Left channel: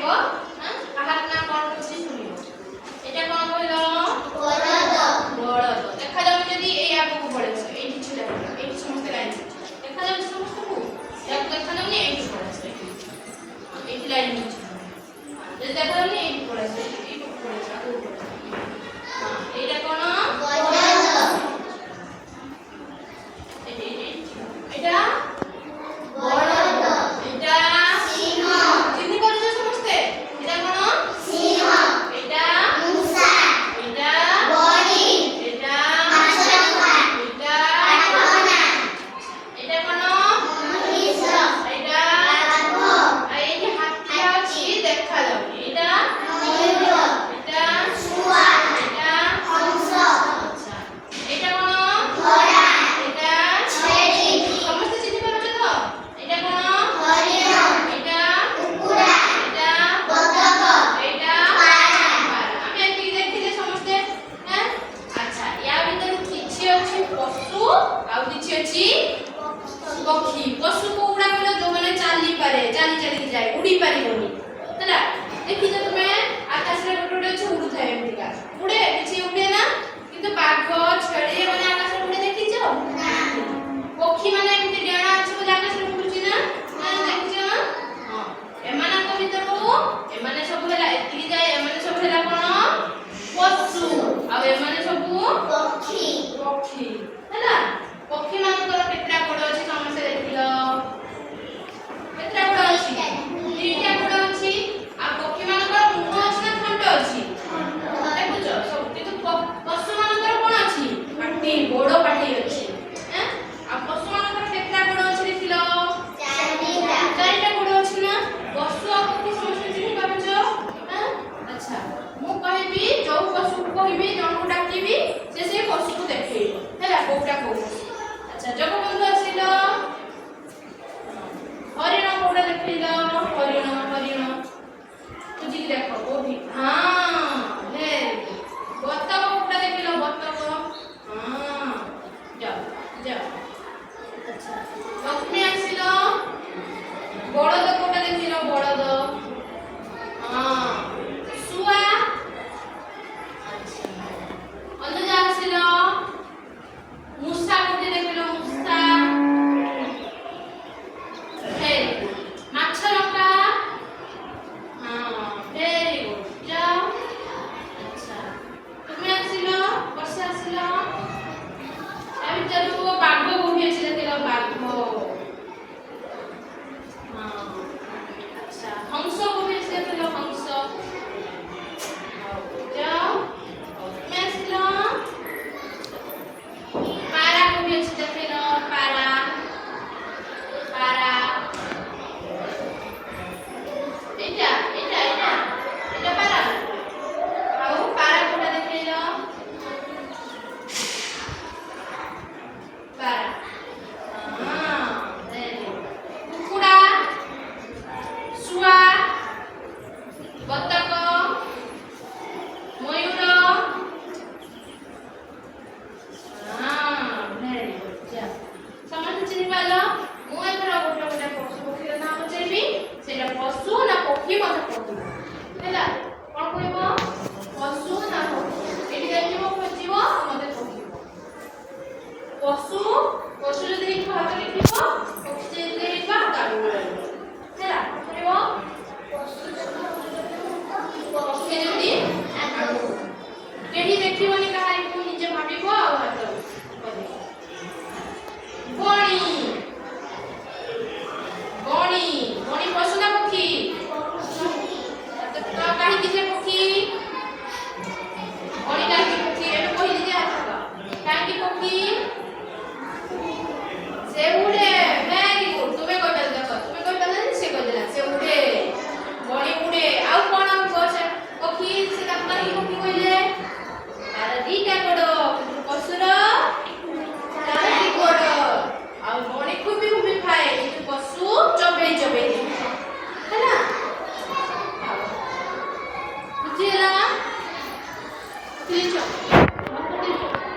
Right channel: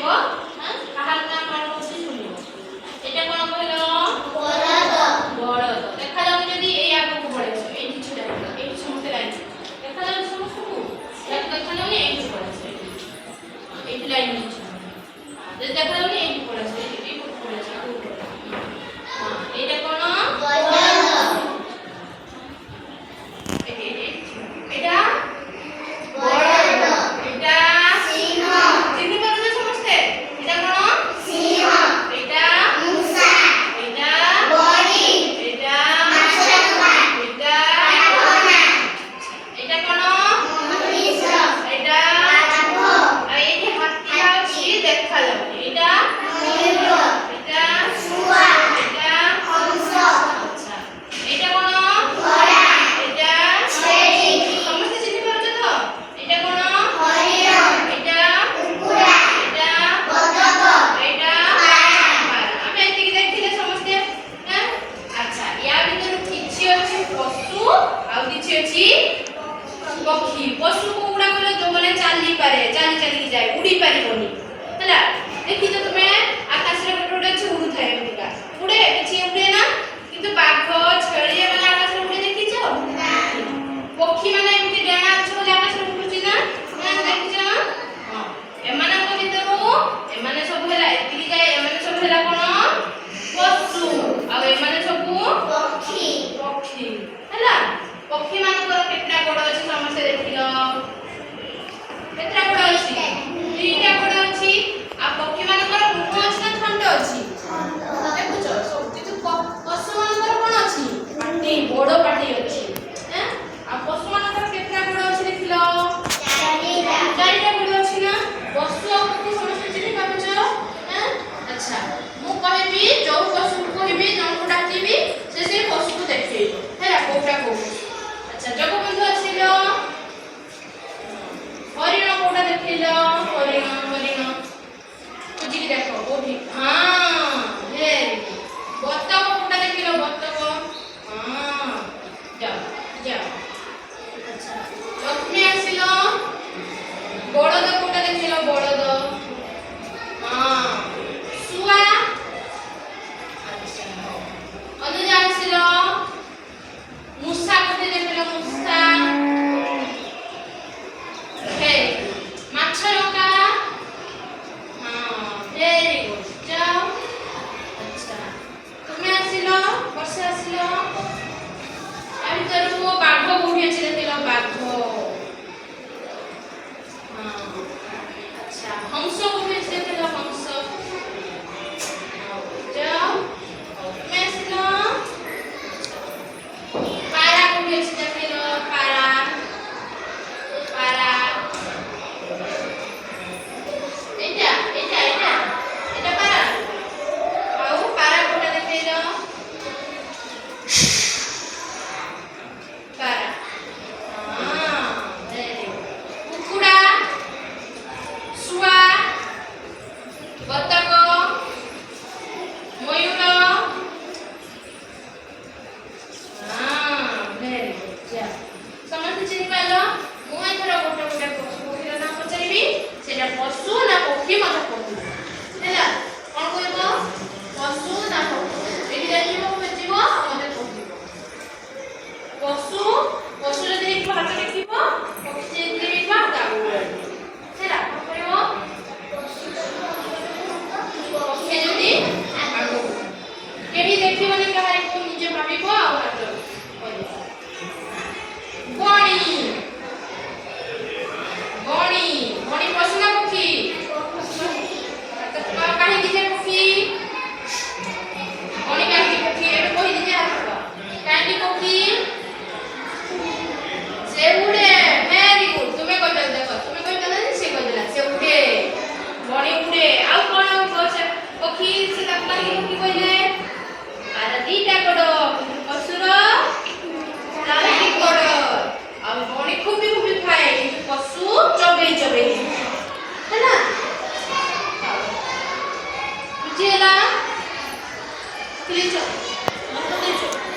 କହିବ କାହାର ନା କଣ କହୁଛି ଶୁଣିବ। ଏଟା କଣ କହିଲ? ବଳଦ। ଦେଖାଯାଉ ଯଦି ଏଇ ଆଗକୁ ପଳେଇବ ଏଇଠି ଛିଡ଼ା ହେଇଯିବ ଏଇଠି ସମସ୍ତେ ଲାଇନ୍ ଦେଖାଯାଉଛି ସମସ୍ତଙ୍କୁ ଏହାକୁ ଦେଖାଯାଉନି ଏଇଠି ପଳେଇବ ଏଇଠି ଲାଇନ୍ ହେଇଛି ଯଦି ଦେଖାଯାଉନି ଏଇଠି ପଳେଇବ ଏଇଠି ପଳେଇବ ଆଗକୁ ପଳେଇବ। ଏଇଟା କଣ? ଏଇଟା पक्षी पशु को उड़ा गलो जो माने चाली पारे चाली चाली जाए उड़ी पारिबोनी हला देखि जो तुमे आकाश रे गोटे गोटे उड़ू थाए एमिका उड़े किछि उड़े ना किंतु बाघ छेଳି माने आकाश रे उड़े देखि जो ना पक्षी माने एमति डेणा अछि बोले आकाश रे उड़ुची ना ना देखि जो हां एमाने को भितरु एमाने सब होला एतिकी जाए एमाने सब होला कोन पशु आ एमाने सब पक्षी पक्षी हला पक्षी मानकर केतरा गोड़ अछि समस्या देखिलो केतरा गोड़ अछि तीनटा गोड़ अछि आ पक्षी मानकर मुख अछि ना थंड अछि देखुछो सब किछु पशु मानकर कोन अछि पाटी बड़ पाटी अछि हैं आ पशु मानकर केतरा गोड़ अछि देखिलो चारिटा गोड़ अछि ना पशु आ पक्षी समस्या चिन्हि पाबछो हैं अच्छा मु कहबी जो पशु को कहबी जनको डाकिबी से पशु को देखैबो हैला कोटा को अच्छा जगबंधु आसिलो हरिण कोटा देखिलो हरिण हरिण तुझी देखो कोठी हां हे बतक कोटा देखिलो बतक हां जाओ जाओ अच्छा लक्ष्मी आसिलो बड़द कोटा देखिलो बड़द हां सुआ अच्छा अनुजा आसिलो मूसा कोटे देखिलो मूसा हे माछरका हां वेरी गुड जाओ अच्छा तुमे आसिलो वर्षा आसिलो आ भीतर बाघ कोठी अछि देखिलो बाघ